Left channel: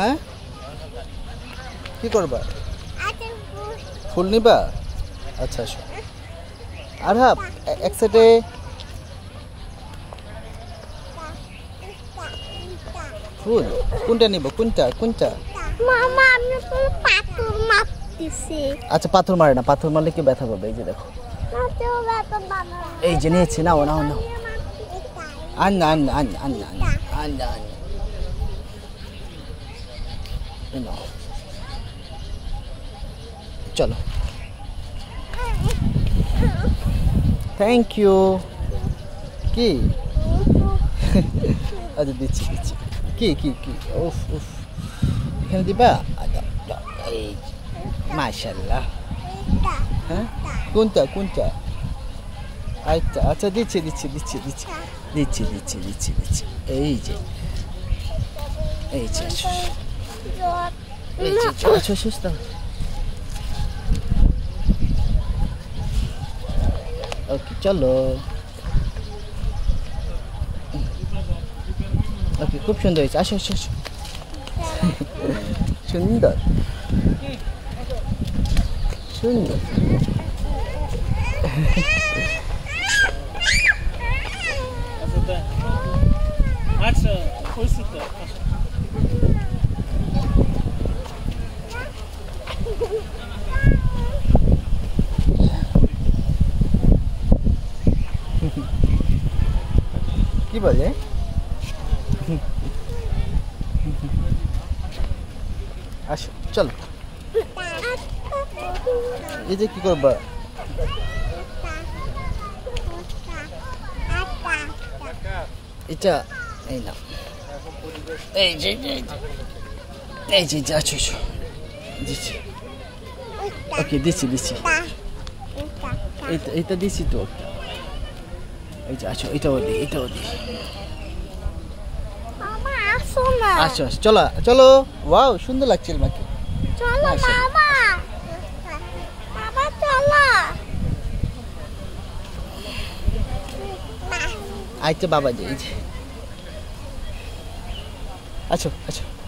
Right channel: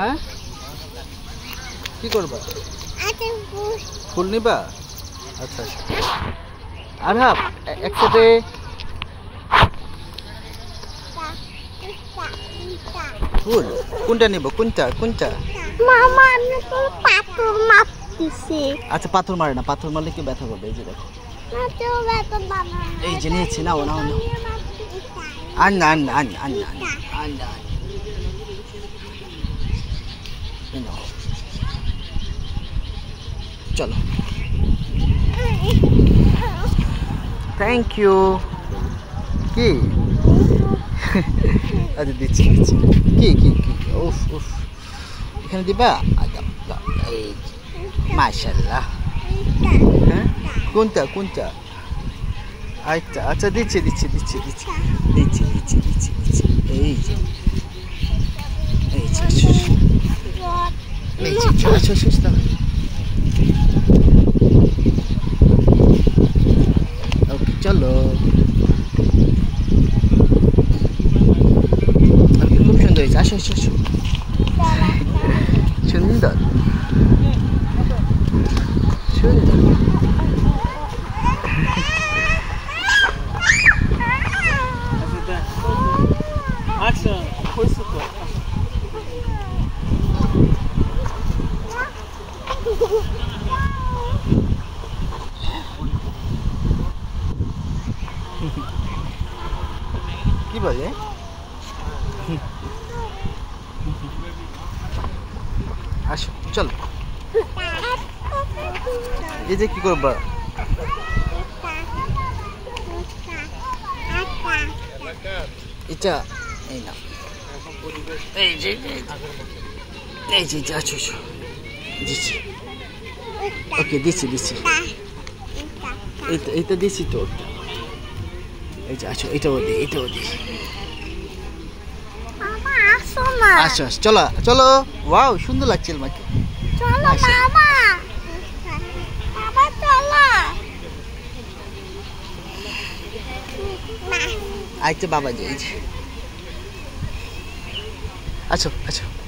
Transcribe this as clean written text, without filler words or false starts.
হ্যাঁ কি করবা ফুল নিবা আচ্ছা আসো আরহাব একসাথে ফুল কোনটা নিব কোনটা কোনটা মামা আমি তো পাথর মারতেছি আচ্ছা পাথর মারে না পাথর মারলে কি ব্যথা পাবে এই যে দেখো এই যে নিয়েছি না ওনা ওনা আন্না আন্না আন্না আন্না আন্না আন্না চলো থ্যাংক ইউ কি আচ্ছা দিচ্ছি দিচ্ছি কি কি কি উফ উফ এখানে দিবা এই মাশাআল্লাহ হ্যাঁ কোনটা কোনটা আচ্ছা আচ্ছা দিচ্ছি দিচ্ছি দিচ্ছি দিচ্ছি দিচ্ছি দিচ্ছি দিচ্ছি দিচ্ছি এই যে এই যে এই যে আচ্ছা সুস্থ ওকে চলো ওকে খুব সুন্দর হয়েছে আসো আসো আসো সুন্দর সুন্দর আচ্ছা হয়েছে তো কি বলে আসো চলো এই যে কি করবা এটা এই না এই যে এই যে আছো আছো দিচ্ছি ওকে দিচ্ছি দিচ্ছি এইটা দিচ্ছি তো এই যে আছো এটাও দিই এটাও দিই মামা আসো না আসো চলো চলো ওয়াও সুন্দর লাগছে মাকে চলো মামা বাবা চলো আইতে বাবা যে আচ্ছা আচ্ছা